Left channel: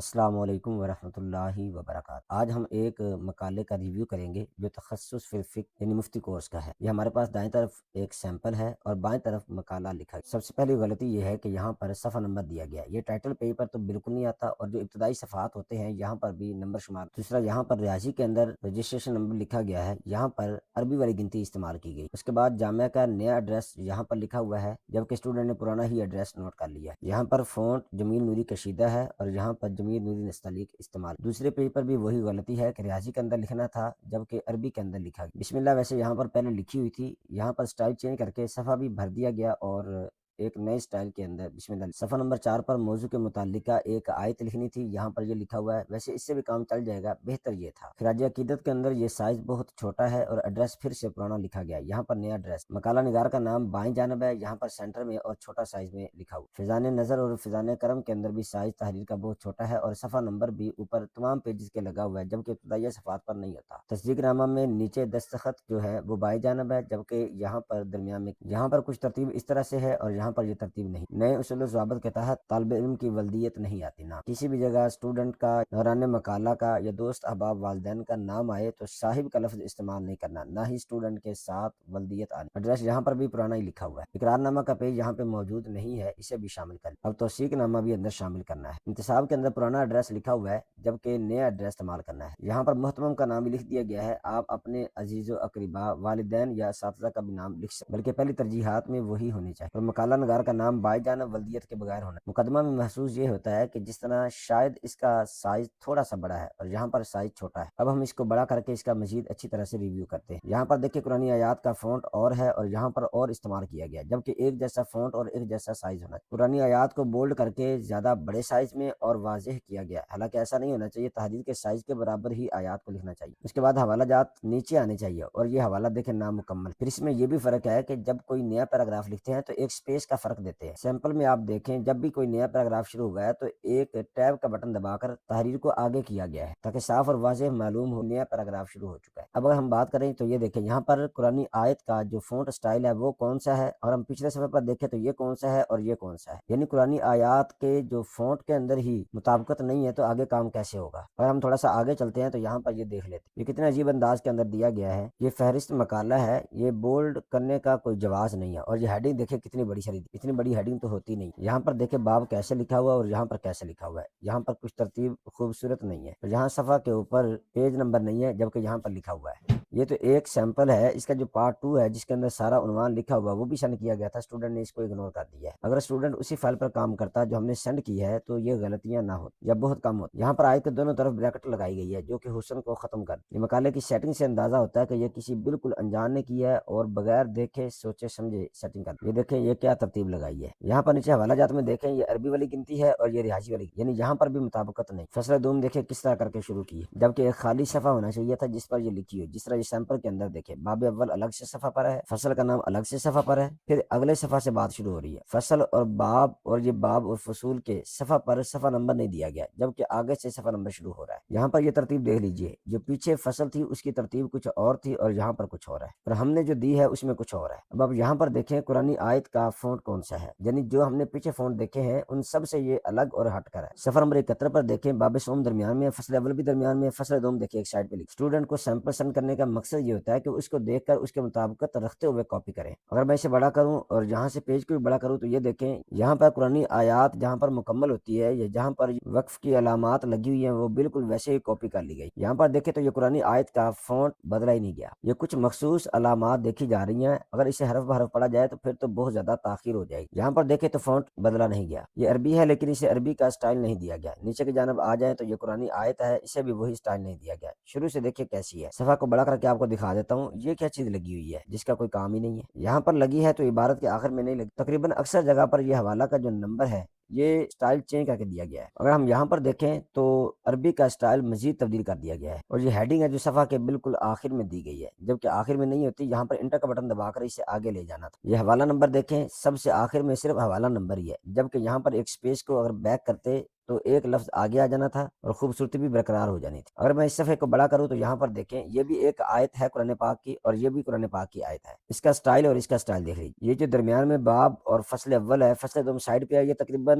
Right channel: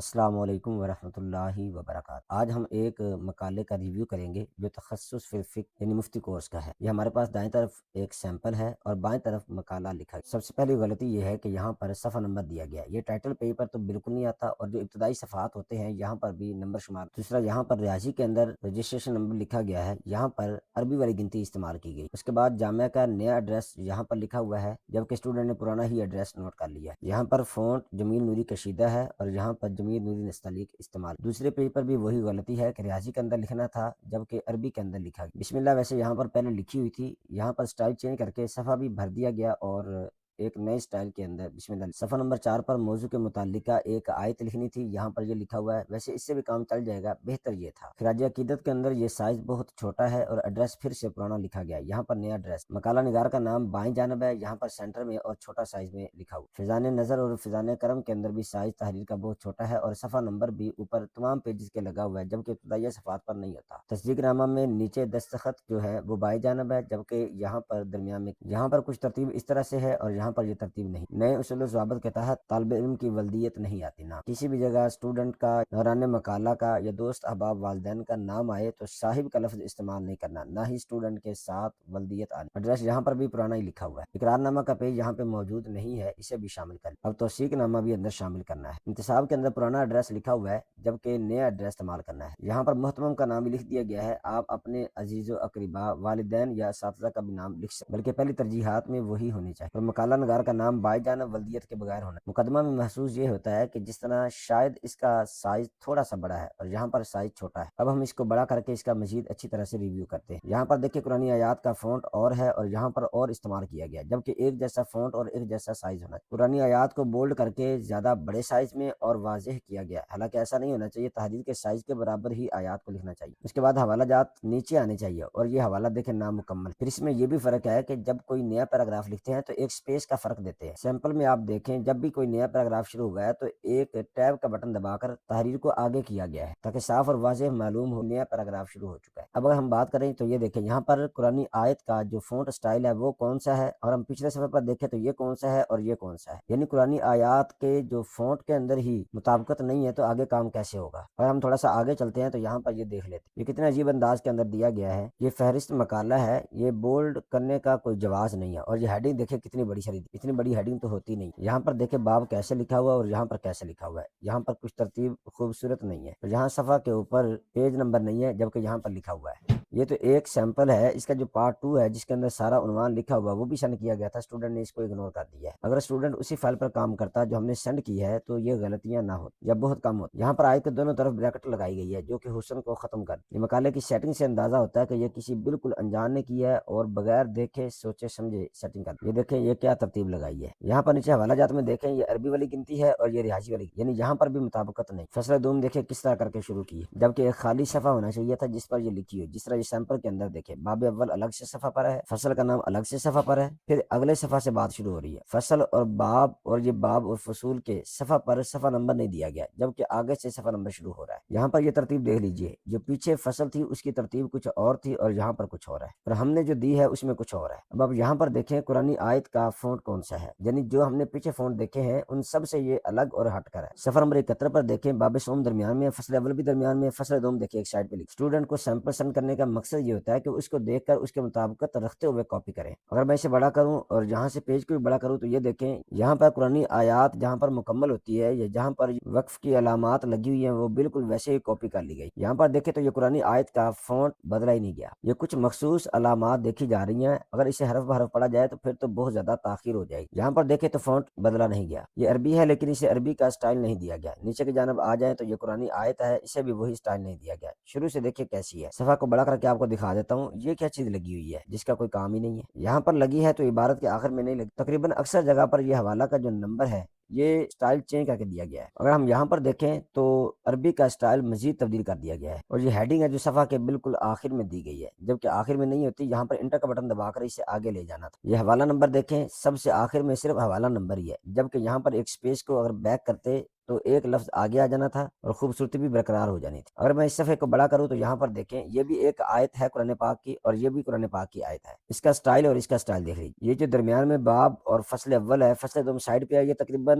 السلام علیکم ورحمۃ اللہ وبرکاتہ۔ آج ہم ایک مقالے کا ریویو کریں گے جو تخصص فی الفقہ یعنی مفتی کورس کا ہے۔ یہ ہمارے پاس دائیں طرف ایک سیمپل ہے اور بائیں طرف مقالہ لکھا ہے۔ سب سے پہلی غلطی یہ ہے کہ یہاں پر صفحہ نمبر دیا گیا ہے۔ یہ ٹائٹل پیج پر تو بالکل نہیں آتا، اور جو ابتدائی صفحات ہوتے ہیں یہاں پر بھی نمبر شمار۔ دوسرا، یہاں پر ریاضی کے اندر رجسٹریشن نمبر لکھا گیا ہے، یہاں پر عربی والی گنتی استعمال کی گئی۔ اس کے بعد جامعہ کا نیا ایڈریس یہاں پر لکھا ہوا ہے، جبکہ اسٹوڈنٹ نے پرانا ہی ایڈریس نوٹ کر لیا ہے۔ یہاں پر فونٹ جمیل نوری کشیدہ ہے اور یہاں پر جمیل نوری نستعلیق استعمال۔ دوسرے پیج پر بھی وہی غلطی ہے کہ ریاضی کے اندر لکھنا تھا جبکہ عربی کے اندر لکھا گیا۔ بسم اللہ ویسے یہاں پر پہلے لکھی ہوئی تھی، یہاں پر سٹائل چینج کر کے صفحہ بھی بھر دیا گیا اور ایک نئے سٹائل کے اندر بسم اللہ۔ صفحہ نمبر 4 پر موضوع کے متعلقہ ایک آیت لکھنی تھی، یہاں پر یہ لکھا ہوا ہے۔ ویسے اس سے بھی کام چل جائے گا، بہتر یہ تھا۔ خراج عقیدت کے اندر یہ سائز بہت چھوٹا ہے اور ایڈریس پھر سے پرانا لکھا گیا، یہاں پر نیا ایڈریس۔ مقالہ نگار کا نام بائیں جانب ہے، یہاں پر سینٹر میں اور چھوٹا سائز میں لکھا ہوا۔ فیضان نظر اور فیضان کرم کے اندر بھی سائز تحریر کا بہت چھوٹا ہے اور صفحہ نمبر بھی اوپر تمام پیجز کے لگا ہوا ہے، جبکہ ابتدائی صفحات پر نہیں ہوتا۔ تصدیق نامہ میں نیچے دستخط جو ہے وہ بائیں جانب ہے، جبکہ یہاں پر درمیان میں یہاں پر کچھ ترتیب اس طرح سے ہے اور یہاں پر یہ ترتیب نہیں۔ نئے اصول و ضوابط کے تحت طالب علم کی ولدیت نہیں آتی نا کسی بھی جگہ اسٹوڈنٹ کا، دوران مقالہ کا یا دوست احباب والدین کا نام آئے تو صاحب کا لفظ استعمال نہیں کرنا، نہ ہی اسٹوڈنٹ کے ساتھ ولدیت آنی۔ ایڈریس یہاں پر بھی پرانا ہی لکھا ہوا ہے۔ اقرار نامہ کا پیج یہاں پہ موجود نہیں ہے، اسے بھی شامل کریں۔ اب توثیق نامہ بھی اندر شامل کرنا ہے۔ انتصاب کے اندر پرانا ایڈریس لکھا ہوا ہے، جبکہ نیا ایڈریس استعمال کرنا ہے۔ یہاں پر محترم کا نام بھی لکھ دیا گیا ہے، آپ اپنے عزیز و اقربا، والدین یا اساتذہ کا بھی نام لکھ سکتے، بلکہ پہلی ترجیحات میں وہی ہونی چاہیے۔ اور مقالہ نگار کا نام بائیں جانب ولدیت کے بغیر ہونا۔ مقدمہ میں محسوس یہ ہوتا ہے کہ جس طرح شاید اس کا سائز تھوڑا سا بڑا ہے اور یہاں پر سائز چھوٹا ہے۔ اب ہم اس کو بڑا کر کے اس کا مزید اچھی طرح سے ریویو کرتے ہیں۔ یہاں پر دیکھیں قرآن آیات کا فونٹ اور ہے اور یہاں پر اور استعمال کیا گیا، جبکہ ایک جیسا فونٹ اور ایک جیسا سائز ہونا ہے۔ قرآن آیات کو بولڈ کر کے زیادہ بڑے سائز میں اور واضح کیا گیا، حالانکہ ایسا نہیں ہونا چاہیے، تحریر کے سائز کے برابر ہی آیات کو لکھنا چاہیے۔ اس کے بعد حوالہ جات نیچے آنے چاہیے اور یہ حوالہ دیکھیں نامکمل۔ پھر اس میں یہ بھی فرق ہے کہ جب کوئی نیا پیراگراف لکھتے ہیں تو ایک سپیس کا فرق دیتے ہیں۔ سیمپل میں آپ دیکھیں جب بھی کوئی نیا پیراگراف شروع ہو گیا تو ایک ٹیب کا بٹن دبا کر تحریر کو آگے کیا گیا ہے تاکہ صاف اور واضح معلوم ہو نیا پیراگراف شروع ہو چکا ہے۔ اب اگر ہم بات کریں تو یہ دیکھیں یہاں پر قرآنی آیت کا جو فونٹ سٹائل ہے وہ کون سا ہے، اور ہم پچھلے صفحے پر دیکھیں تو یہ کون سا ہے اور یہ کون سا ہے، یعنی قرآنی آیات کے جو فونٹ کے اندر ہی مطابقت نہیں ہے تو آگے کام کیسے ہوگا۔ اگر ہم تھوڑا سا آگے چلتے ہیں تو یہاں پر یہ دیکھ لیتے ہیں یہ کتنے عجیب انداز کے اندر دیا گیا ہے۔ یہ فہرست مقالہ ہے، یہ بولڈ کرنے کا کوئی جواز نہیں ہے، اور یہ ہیڈنگ دیکھیں کتنی بڑی شریف، اتنی بڑی ہیڈنگ تو ہوتی نہیں۔ یہاں پر دیکھیں باب کیسے لکھا ہوا ہے اور یہاں پر کیسے لکھا ہوا ہے، یہاں پر کچھ ترتیب خوبصورت نہیں ہے، یہاں صفحہ کے اوپر پیج نمبر نہیں ہے جبکہ یہاں پر لکھا ہوا ہے۔ یہ تو ایک سیمپل ہے، اس کا جو پارٹ 2 ہے جس کے اندر سارا عنوان لکھا ہوا ہے وہ بھی سینڈ کیا گیا تھا، اسٹوڈنٹ نے اس کو اگنور کر دیا ہے۔ اگر اسٹوڈنٹ اسی فائل پر کام کرتا جو ہم نے سینڈ کی ہے تو یہ غلطیاں نہ ہوتی یا بہت کم ہوتی۔ یہاں پر آیت کے دونوں طرف بریکٹ لگائی گئی ہے جو کہ حسن کو ختم کر یہ مقالے کی سیٹنگ سے اندازہ ہوتا ہے کہ یہ کسی بالکل انجان نے کی ہے اور بغیر دیکھے سوچے سمجھے سیٹنگ کر یہ دیکھیں یہ کیا ترتیب لگائی ہے۔ یہاں پر نیچے حوالہ جات میں دیکھیں یہ عربی والی گنتی ہے اور یہ ریاضی والی، یعنی یہاں پر بھی مطابقت نہیں۔ فصل دوم دیکھیں کس طرح کر کے شروع کی ہے، جبکہ ایک خالی صفحہ ہونا چاہیے تھا جس پر یہ لکھی ہو، جس طرح اس سیمپل کے اندر دیکھیں باب اول الگ سے صفحہ پر ہے، فصل کا نام الگ سے صفحہ پر ہے، پھر اگلے صفحہ سے بات شروع ہو رہی ہے۔ فصل اور باب اور یہ باب اور فصول کے صفحہ پر صفحہ نمبر نہیں دیا گیا، جبکہ آگے سے صفحہ نمبر شروع ہو رہا ہے۔ یہاں پر یہ ترتیب دیکھ لیجئے، جو پیچھے فصل تھی اس کی ترتیب کچھ اور تھی اور یہاں پر کچھ اور ہے، اور ہم نے جو دی ہے اس میں کچھ اور ہے۔ اب یہاں پر دیکھیں قرآنی آیت کا فونٹ کون سا ہے، یعنی جو ہم نے پیچھے فونٹ دیکھے ہیں ان سب سے یہ الگ اور ہٹ کر ہے۔ صفحہ نمبر 71 پر دیکھیں باب سوم درمیان میں، فصل اول بھی درمیان میں، فصل دوم دیکھیں ایک سائڈ پہ لکھ۔ اسٹوڈنٹ کو سیمپل سینڈ کرنے کا مقصد یہ ہوتا ہے کہ اس کو دیکھ کر اس کے مطابقت رکھتے ہوئے کاپی کریں۔ اگر میں اسے بڑا کروں اور یہاں سے پیج کو بھی بڑا کروں تو یہ دیکھیں یہاں پر قرآنی آیات جہاں پر مکمل ہوتی ہے یا جہاں پر وقف کی علامات لگی ہوئی ہیں وہ بالکل ویسے ہی کاپی کر لی گئی۔ یہاں پر دیکھیں تو یہ قرآنی آیت کا فونٹ بدلا ہی نہیں گیا، یہ کچھ مخصوص علامات دیکھی جا رہی ہیں، اگر اسے حرف بحرف پڑھا جائے تو پھر تو بہت زیادہ تاخیر ہو جائے گی۔ یہاں پر دیکھیں تو فونٹ بدلا نہیں گیا، یہ عربی ہے لیکن اسے عربی کا سٹائل نہیں دیا گیا۔ نیچے کی جانب آ جائیں تو یہ قرآنی آیت ہے، اسے بھی وہی سٹائل نہیں دیا گیا۔ شروع سے دیکھیں کیسی ہے، صفحہ کو بڑا کر کے آپ کو دکھا دیتا ہوں، یہ کیا چیز لگی ہوئی ہے جس کا کوئی کام ہی نہیں ہے۔ یہاں پر لگی ہے تو عبارت کے آخر میں نہیں لگی، تقریباً اکثر جگہ پر یہ حوالہ کا جو نمبر ہے یہ سٹائل چینج کر کے دیا گیا ہے۔ اگر ہم یہاں پر دیکھیں تو عربی کا سٹائل مزید تبدیل کر دیا گیا ہے، اور یہ ہیڈنگ ہے جو صفحہ کے بالکل آخر میں دی گئی ہے، جبکہ آخر میں نہیں ہوتی، یہاں پر انٹر کا بٹن دبا کر اسے آگے لے جانا تھا۔ یہ حوالہ نمبر دیکھیں سب سے آخر میں صرف حوالہ نمبر ہی ہے، جبکہ یہاں پر ایک سپیس کو اگر بیک کرتے تو ایک لفظ آگے آ جانا تھا اور خوبصورتی بھی برقرار ہو جانی تھی۔ اگر میں اس صفحے کو بڑا کروں تو یہاں پر دیکھیں یہ بھی ایک آیت ہے قرآن پاک کی اور یہ بھی قرآن پاک کی آیت ہے، اس کا سٹائل اور اس کا سٹائل دیکھیں۔ یہ جو درمیان میں باب اور فصل اول ہے، فصل دوم سائڈ پہ ہے، یہ تقریباً